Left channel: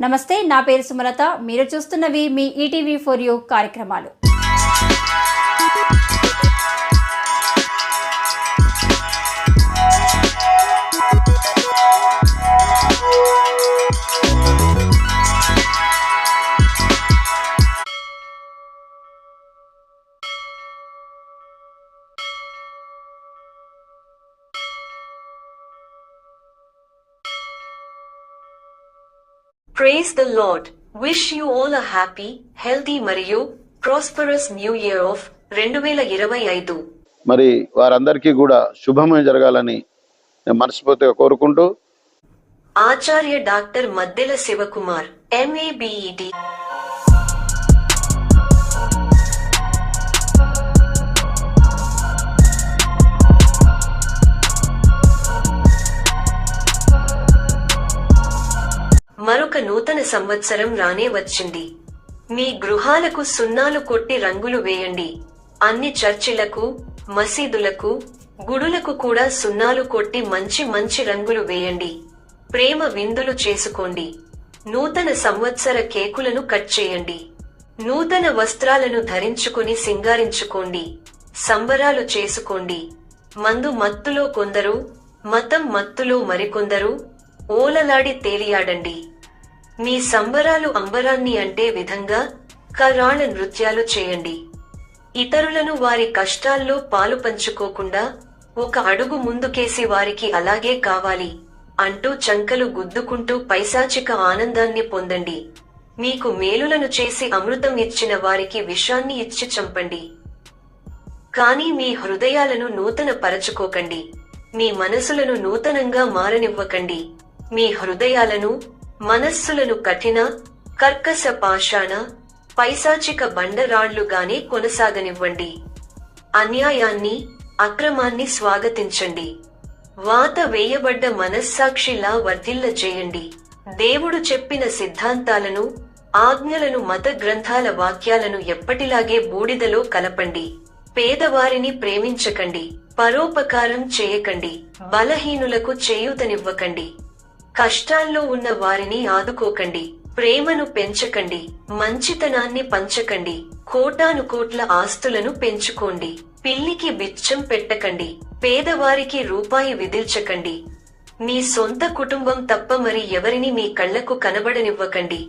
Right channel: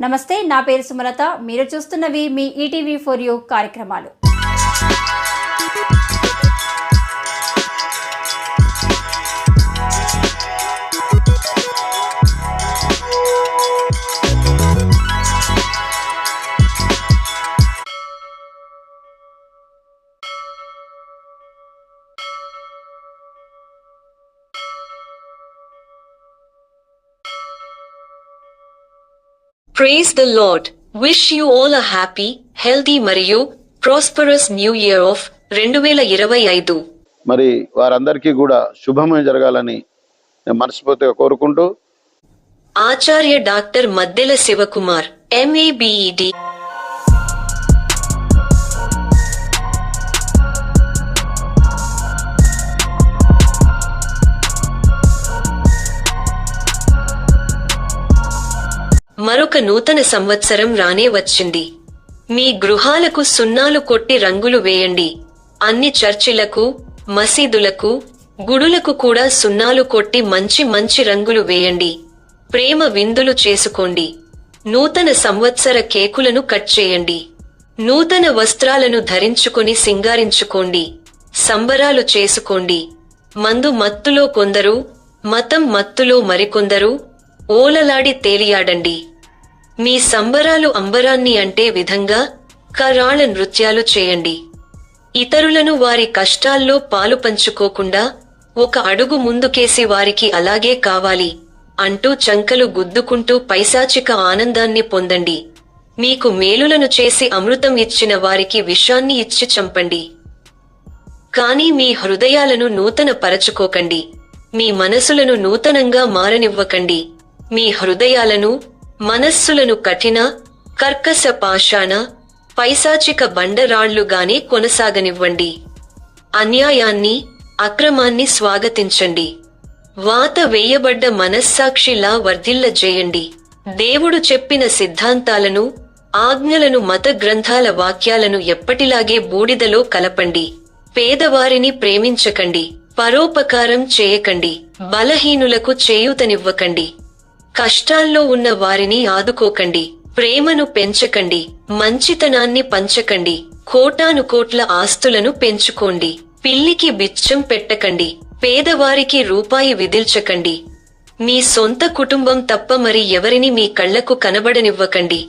నమస్తే, నా పేరు సుమలత. మీరు చూస్తున్నవి మీ ఈటీవీ ఫర్ యూ కార్యక్రమాలు. Praise the Lord. Wish you all a happy, healthy మరియు prosperous new year of 2025. మరి వారందరికీ కూడా శుభమే జరగాలని మనస్ఫూర్తిగా కోరుకుంటూ ఆచార్య డాక్టర్ మద్దెల శివకుమార్ MABED. మరొక నూతన సంవత్సరం రానే వచ్చింది. మీ గృహాలకు సున్నాలు కొట్టి రంగులు వేయండి. అన్ని చర్చిలకు, మసీదులకు, గుడులకు కూడా సున్నాలు కొట్టి మంచి మంచి రంగులు వేయండి. ప్రేమ విందులు చేసుకోండి. నూతన సంవత్సర కేకులను కట్ చేయండి. నూతన వస్త్రాలను ధరించుకొని సింగారించుకోండి. సంబరాలు చేసుకోండి. మందు మత్తులో కొందరు, మతం మత్తులో మరికొందరు ఓలలాడి తేలియాడండి. మీ సంబరాలు అంబరాన్ని అంటే విధంగా కరాళ నృత్యాలు చేయండి. ఇతరులను వారి కష్టాల్లో పాలు పంచుకోకుండా ఒక అడుగు ముందుకేసి వారికి అలాగే కావాలి అంటూ చంకలు గుద్దుకుంటూ పైశాచిక ఆనందాన్ని పొందండి. మీకు మేలులను చేసి అమృతం ఇచ్చిన వారికి విషాన్ని ఇచ్చి చంపండి. కానీ మీ హృదయాలను నూతన పరచుకోకండి. మీ మనసులను నూతనంగా మారనివ్వకండి. మీ హృదయాలను, మనస్సులను కఠిన, కర్కశ పాషాణ, పైశాచిక బండరాళ్లుగానే కొనసాగనివ్వండి. అన్యాయాన్ని, అక్రమాన్ని స్వాగతించండి. వాత వేయబడ్డ మనస్సాక్షిలా వర్ధిల్లజేయండి. దేవుడు చెప్పిన సిద్ధాంతాలను, ఆజ్ఞలను, మత గ్రంథాల వాక్యాలను ఎప్పటిలాగే బూడిదలో కలపండి. పేదవారిని ప్రేమించకండి. పరోపకారం చేయకండి. బలహీనులకు చేయూతనివ్వకండి. కష్టాల్లో ఉన్న వారిని ఆదుకోకండి. ప్రేమను పెంచకండి. మంచితనాన్ని పంచకండి. కోటాను కోట్ల ఆస్తులను పెంచుకోండి. పిల్లికి బిచ్చం పెట్టకండి. పేదవారికి రూపాయి విదిల్చకండి. మీ సొంత కుటుంబం తప్ప మరి ఎవరిని మీ కళ్లకు కనబడనివ్వకండి.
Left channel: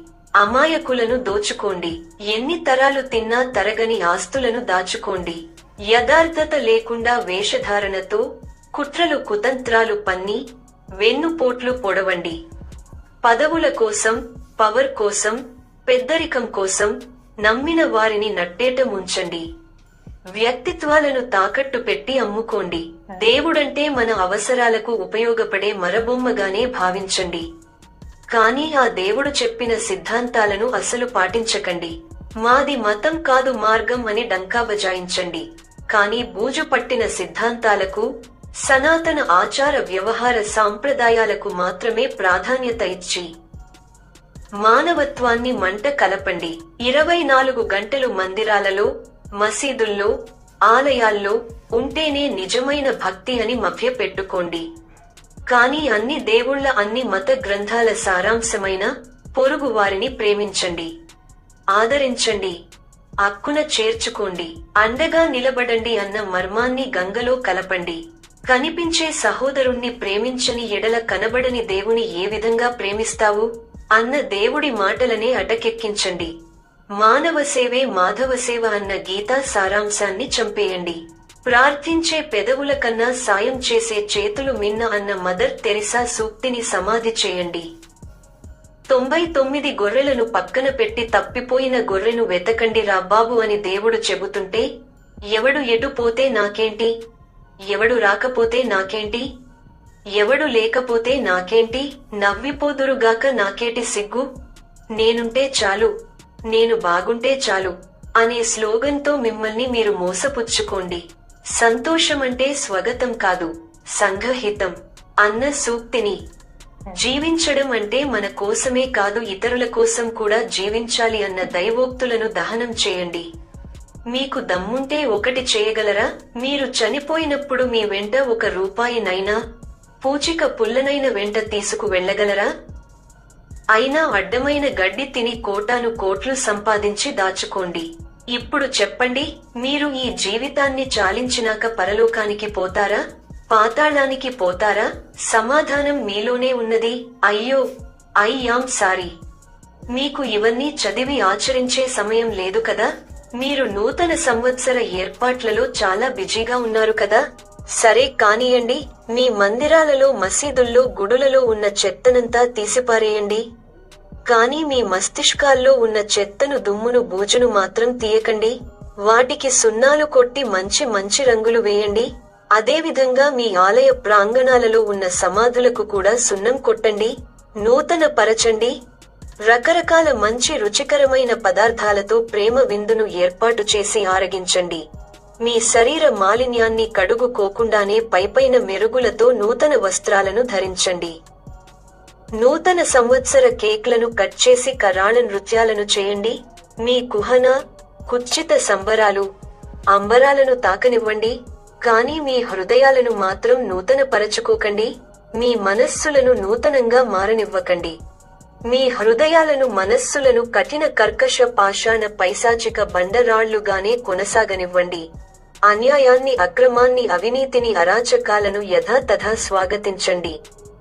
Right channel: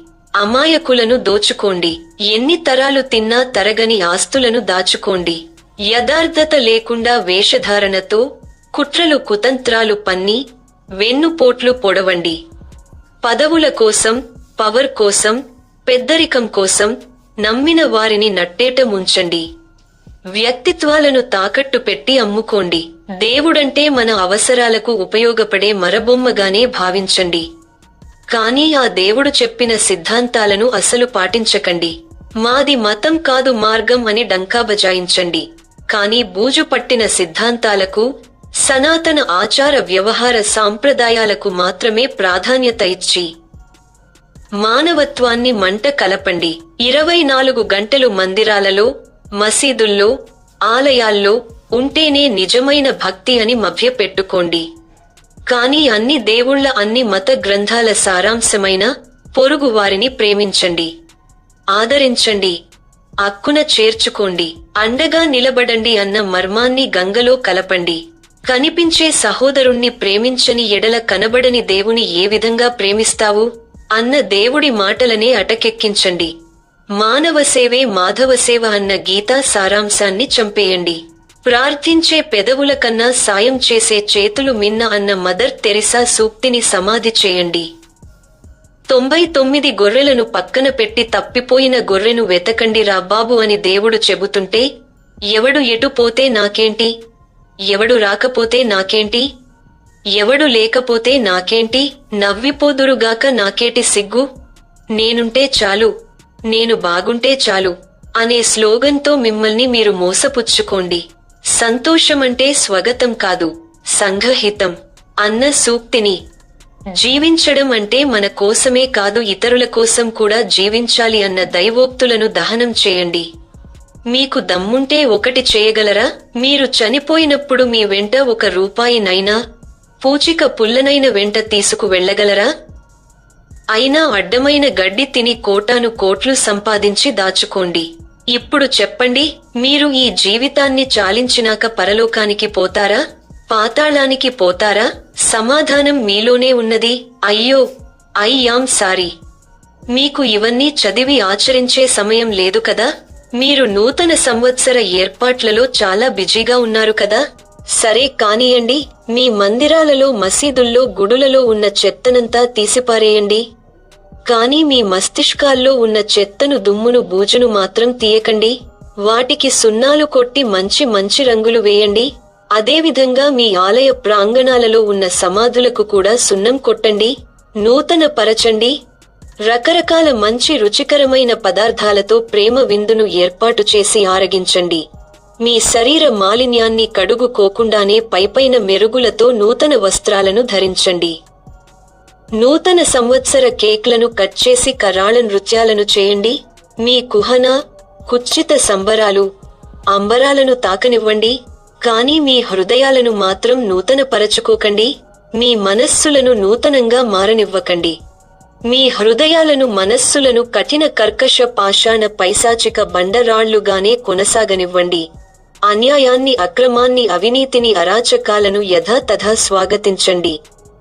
అమాయకులను దోచుకోండి. ఎన్ని తరాలు తిన్నా తరగని ఆస్తులను దాచుకోండి. యథార్థత లేకుండా వేషధారణతో, కుట్రలు కుతంత్రాలు పన్ని, వెన్నుపోట్లు పొడవండి. పదవుల కోసం, పవర్ కోసం, పెద్దరికం కోసం నమ్మిన వారిని నట్టేట ముంచండి. వ్యక్తిత్వాలను తాకట్టు పెట్టి అమ్ముకోండి. దేవుడంటే మన అవసరాలకు ఉపయోగపడే మరబొమ్మగానే భావించండి. కానీ ఆ దేవుడు చెప్పిన సిద్ధాంతాలను అసలు పాటించకండి. మాది మతం కాదు మార్గం అని డంకా బజాయించండి. కానీ బూజు పట్టిన సిద్ధాంతాలకు, సనాతన ఆచార వ్యవహార సాంప్రదాయాలకు మాత్రమే ప్రాధాన్యత ఇచ్చి మానవత్వాన్ని మంట కలపండి. 24 గంటలు మందిరాలలో, మసీదుల్లో, ఆలయాల్లో ఉంటేనే నిజమైన భక్తి అని మభ్యపెట్టుకోండి. కానీ అన్ని దేవుళ్ళ, అన్ని మత గ్రంథాల సారాంశమైన పొరుగు వారిని ప్రేమించండి, ఆదరించండి, అక్కున చేర్చుకోండి, అండగా నిలబడండి అన్న మర్మాన్ని గంగలో కలపండి. కనిపించే సహోదరుణ్ణి ప్రేమించని ఎడల కనబడని దేవుని ఏ విధంగా ప్రేమిస్తావు అన్న దేవుడి మాటలనే అటకెక్కించండి. మానవ సేవే మాధవ సేవ అన్న గీతా సారాంశాన్ని చంపేయండి. ప్రార్థించే పెదవుల కన్నా సాయం చేసే చేతులు మిన్న అన్న మదర్ తెరిసా సూక్తిని సమాధి చేయండి. 99 గొర్రెలను పక్కన పెట్టి తప్పిపోయిన గొర్రెను వెతకండి రా బాబు అని దేవుడు చెబుతుంటే, ఎవడు ఎటు పోతే నాకేంటి, ఎవడు రాకపోతే నాకేంటి, ఎవడు లేకపోతే నాకేంటి, నవ్విపోదురుగాక నాకేటి సిగ్గు, నేనుంటే చాలు, నేను బాగుంటే చాలు అనే స్లోగన్తో మిమ్మల్ని మీరు మోసపుచ్చుకోండి. సంతోషమంటే స్వగతం కాదు, సంఘహితం అన్న సూక్తిని జీవించడం అంటే మన కోసమే కాదు ఇతరుల కోసం కూడా జీవించాలి అన్న దైవోక్తులను దహనం చేయండి. మీకు దమ్ముంటే ఒకటి చేయగలరా? మీరు చనిపోయినప్పుడు మీ వెంట 1 రూపాయినైనా, పూచిక పుల్లనైన వెంట తీసుకు వెళ్ళగలరా? అయినా అడ్డమైన గడ్డి తిని కోటాను కోట్లు సంపాదించి దాచుకోండి. ఇప్పుడు చెప్పండి, మీరు ఈ జీవితాన్ని చాలించినాక పరలోకానికి పోతారా, పాతాళానికి పోతారా? సమాధానం మీలోనే ఉన్నది. అయ్యో, ఐ యామ్ సారీ. మీకు ఇవన్నీ చదివి ఆచరించే సమయం లేదు కదా. మీరు నూతన సంవత్సర ఏర్పాట్లలో చాలా బిజీగా ఉన్నారు కదా. సరే కానియండి, మీ మందిరాలలో, మసీదుల్లో, గుడులలో ఉన్న చెత్తనంతా తీసిపారేయండి. కానీ మీ మస్తిష్కాల్లో ఉన్న చెత్తను, దుమ్మును, బూజును మాత్రం తీయకండి. వాటికి సున్నాలు కొట్టి మంచి మంచి రంగులు వేయండి. అదేవిధంగా మీ ఆలయ ప్రాంగణాలలో ఉన్న సమాధులకు కూడా సున్నం కొట్టండి, నూతన పరచండి. రకరకాల మంచి రుచికరమైన పదార్థాలతో ప్రేమ విందును ఏర్పాటు చేసి ఆరగించండి. మీ శరీర మాలిన్యాన్ని కడుగుకోకుండానే పైపైన మెరుగులతో నూతన వస్త్రాలను ధరించండి. నూతన సంవత్సర కేక్లను కట్ చేసి కరాళ నృత్యాలను చేయండి. మీ కుహన, కుచ్చిత సంబరాలు, అంబరాలను తాకనివ్వండి. కానీ మీ హృదయాలను మాత్రం నూతన పరచుకోకండి. మీ మనస్సులను నూతనంగా మారనివ్వకండి. మీ హృదయాలను, మనస్సులను కఠిన కర్కశ పాషాణ పైశాచిక బండరాళ్లుగానే కొనసాగనివ్వండి. అన్యాయాన్ని, అక్రమాన్ని, అవినీతిని, అరాచకాలను యథాతథా స్వాగతించండి.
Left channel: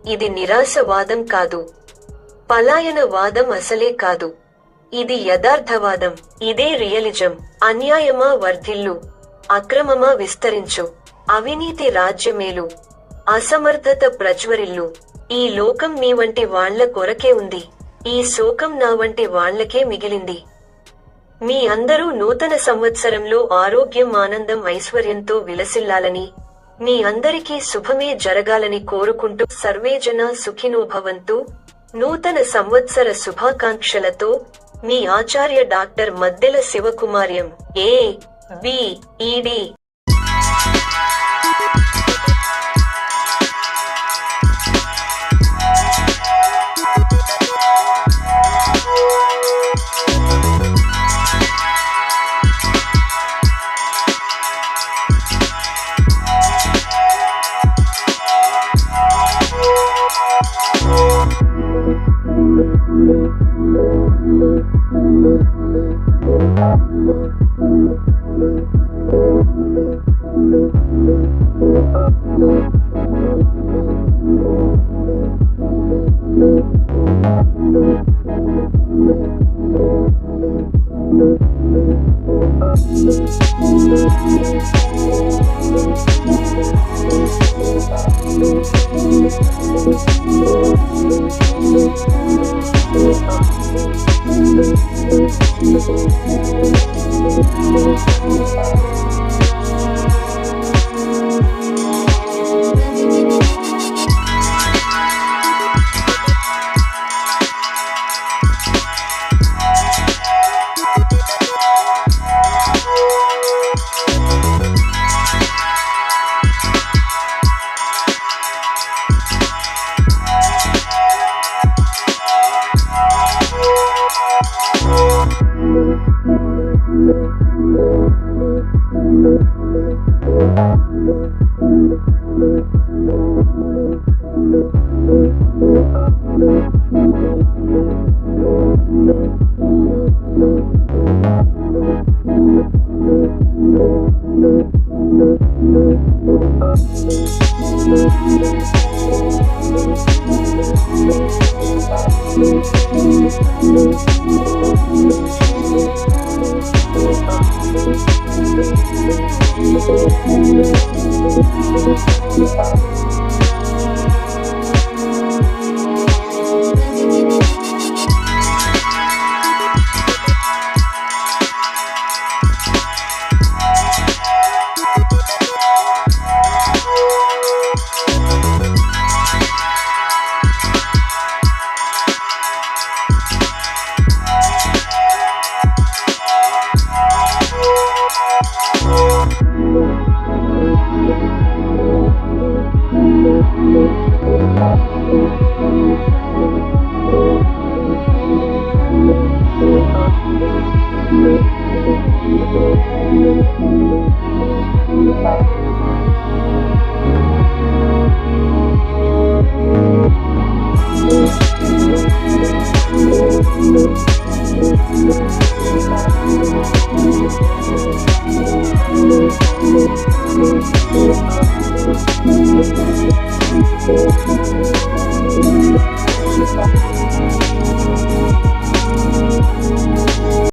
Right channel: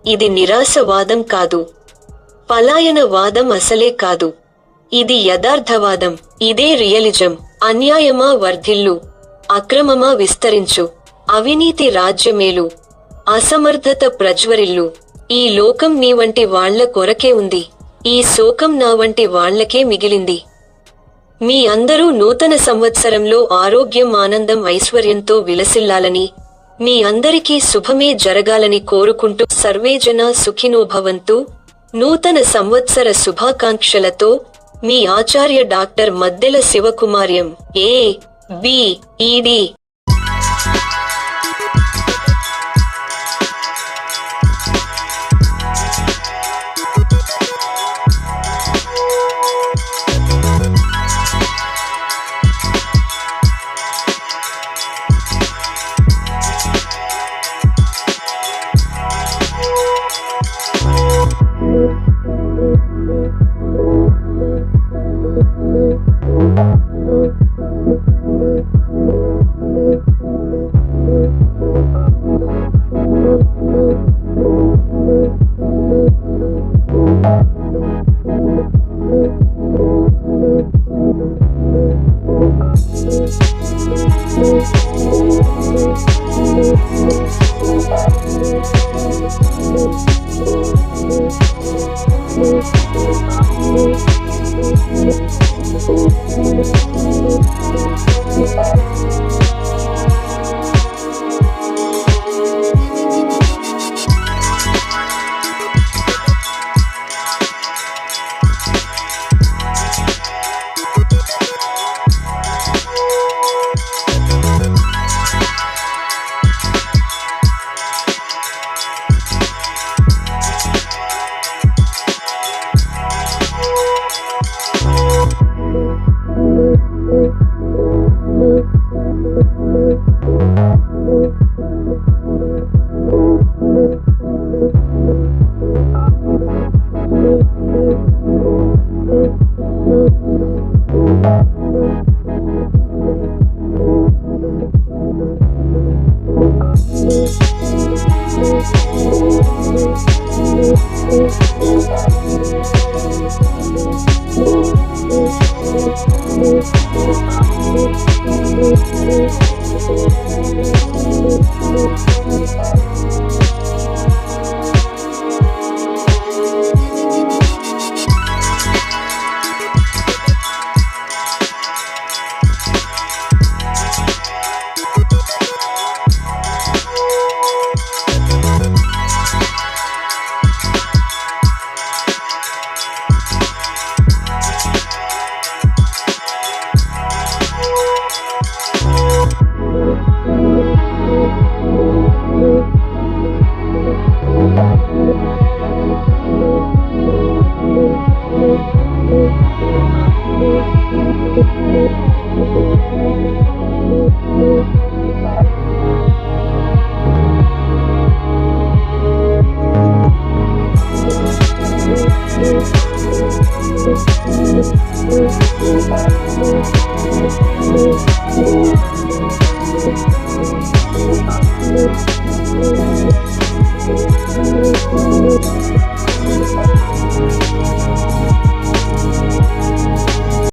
ఇది నిరాశవాదం కాదు, పలాయన వాదం అసలే కాదు. ఇది యథార్థవాదం. ఇదే రియలిజం. అన్యాయమా వర్ధిల్లు, అక్రమమా విస్తరించు, అవినీతి రాజ్యమేలు, అసమర్థత ప్రజ్వరిల్లు. ఈ లోకం నీ వంటి వాళ్ల కొరకే ఉంది. ఈ శోకం నా వంటి వాళ్లకే మిగిలింది. మీ అందరూ నూతన సంవత్సరంలో ఆరోగ్యం, ఆనందం, ఐశ్వర్యంతో విలసిల్లాలని, మీ అందరికీ శుభమే జరగాలని కోరుకుంటూ సర్వేజన సుఖినో భవంతు. నూతన సంవత్సర శుభాకాంక్షలతో మీ ఆచార్య డాక్టర్ మద్దెల శివకుమార్యం, ABED. Thank you.